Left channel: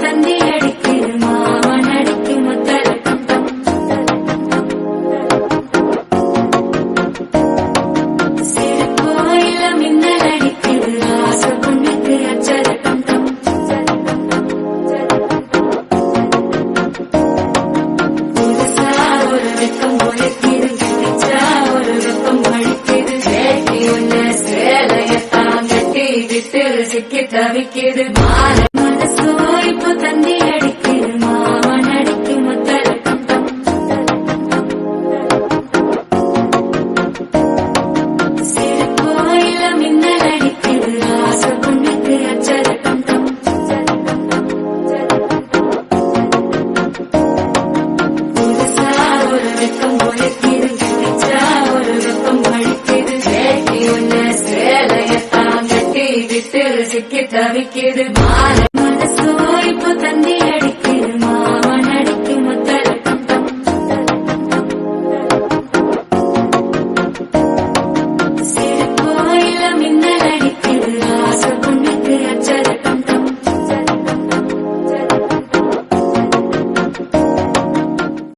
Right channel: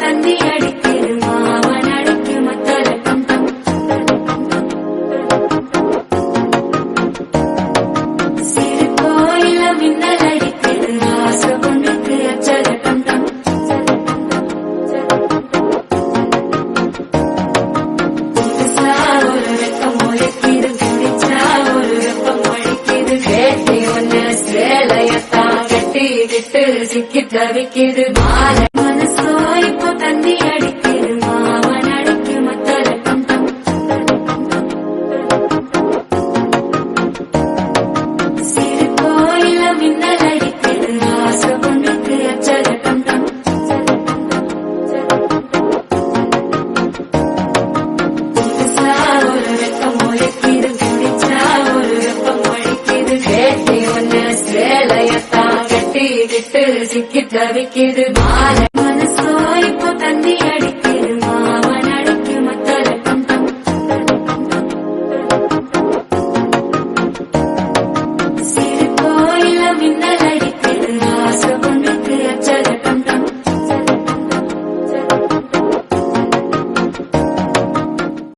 தண்ணி அடிக்குது மாமன் அடிக்கும் முத்தலட்டம் சிறு கோயில மின்னல் அடிக்குது ஆசை பொண்ணுக்கு அச்சரட்டம் புதுசா ஒரு வெக்கம் ஒழிக்குது பிடிச்சா ஒரு வெப்பம் ஒழிக்குது வேட்டி ஒண்ணு சேலையத்தான் கட்டி விட்டு சிக்கி தவிக்குது மாலை மனசோ